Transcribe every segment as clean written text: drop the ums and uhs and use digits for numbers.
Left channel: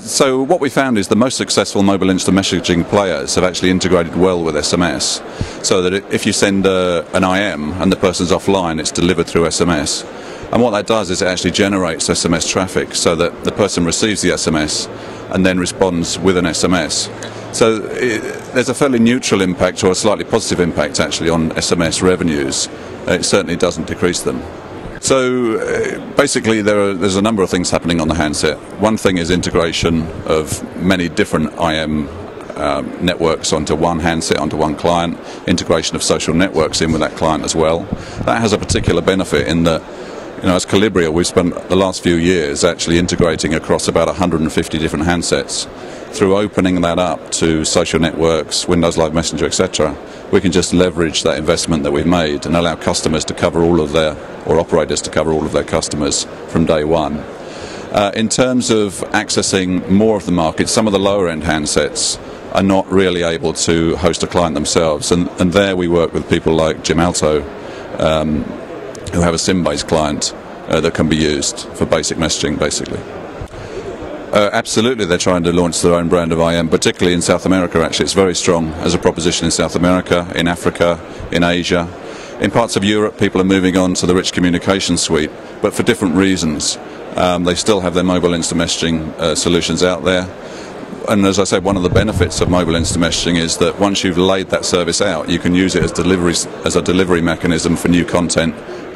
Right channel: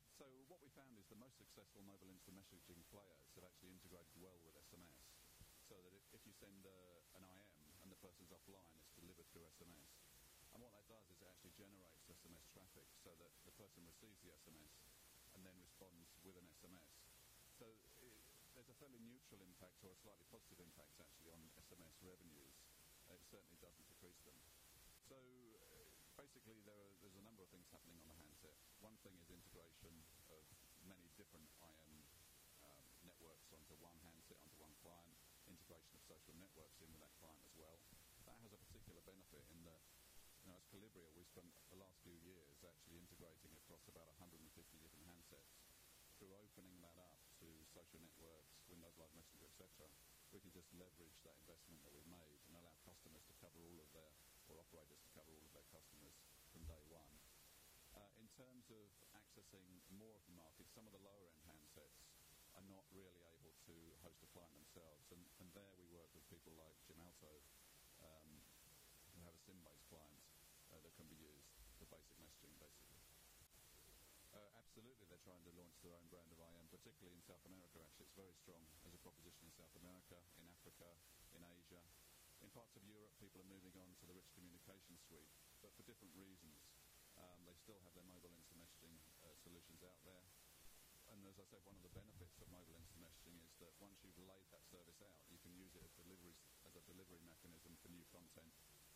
So what we found is the most successful mobile instant messaging players have actually integrated well with SMS, so that if you send an IM and the person's offline, it's delivered through SMS. And what that does is it actually generates SMS traffic so that the person receives the SMS and then responds with an SMS. So there's a fairly neutral impact, or a slightly positive impact actually, on SMS revenues. It certainly doesn't decrease them. So basically there's a number of things happening on the handset. One thing is integration of many different IM networks onto one handset, onto one client, integration of social networks in with that client as well. That has a particular benefit in that, as Colibria, we've spent the last few years actually integrating across about 150 different handsets. Through opening that up to social networks, Windows Live Messenger, etc., we can just leverage that investment that we've made and allow customers to cover all of their, or operators to cover all of their customers from day one. In terms of accessing more of the market, some of the lower end handsets are not really able to host a client themselves, and there we work with people like Gemalto, who have a SIM-based client that can be used for basic messaging, basically. Absolutely, they're trying to launch their own brand of IM, particularly in South America. Actually, it's very strong as a proposition in South America, in Africa, in Asia. In parts of Europe, people are moving on to the rich communication suite, but for different reasons. They still have their mobile instant messaging solutions out there. And as I said, one of the benefits of mobile instant messaging is that once you've laid that service out, you can use it as a delivery mechanism for new content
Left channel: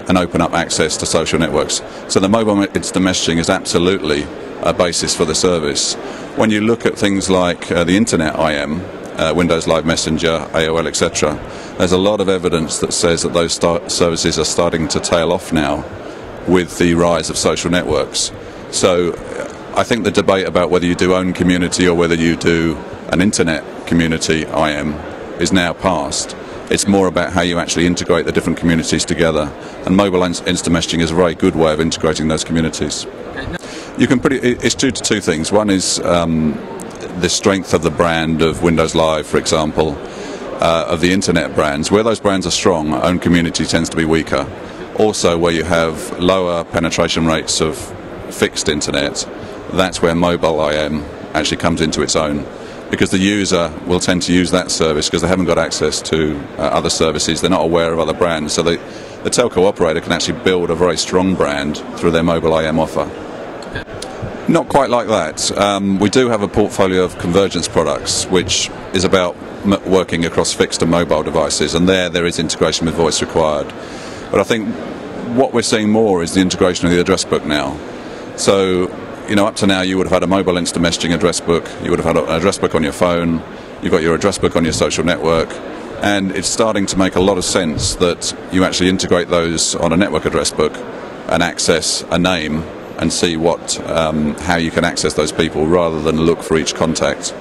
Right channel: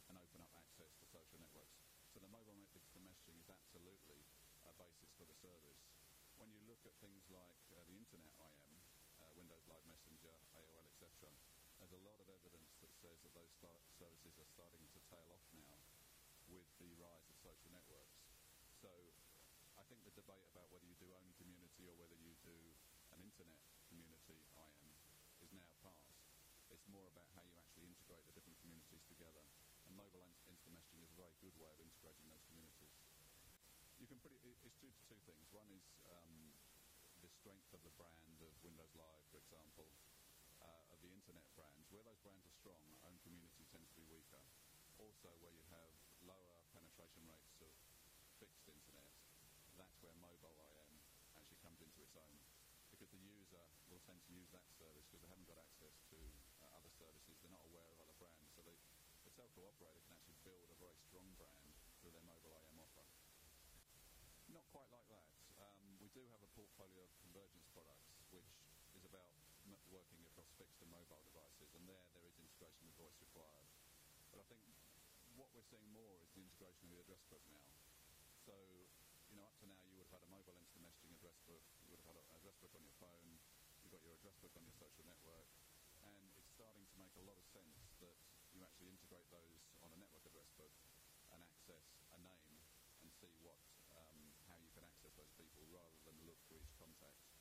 and open up access to social networks. So the mobile instant messaging is absolutely a basis for the service. When you look at things like the Internet IM, Windows Live Messenger, AOL, etc., there's a lot of evidence that says that those services are starting to tail off now with the rise of social networks. So I think the debate about whether you do own community or whether you do an Internet community IM is now past. It's more about how you actually integrate the different communities together, and mobile instant messaging is a very good way of integrating those communities. It's due to two things. One is the strength of the brand of Windows Live, for example, of the Internet brands. Where those brands are strong, own community tends to be weaker. Also, where you have lower penetration rates of fixed Internet, that's where mobile IM actually comes into its own, because the user will tend to use that service because they haven't got access to other services. They're not aware of other brands, so the telco operator can actually build a very strong brand through their mobile IM offer. Not quite like that. We do have a portfolio of convergence products, which is about working across fixed and mobile devices, and there is integration with voice required. But I think what we're seeing more is the integration of the address book now. So, up to now you would have had a mobile instant messaging address book, you would have had an address book on your phone, you've got your address book on your social network, and it's starting to make a lot of sense that you actually integrate those on a network address book and access a name and see how you can access those people rather than look for each contact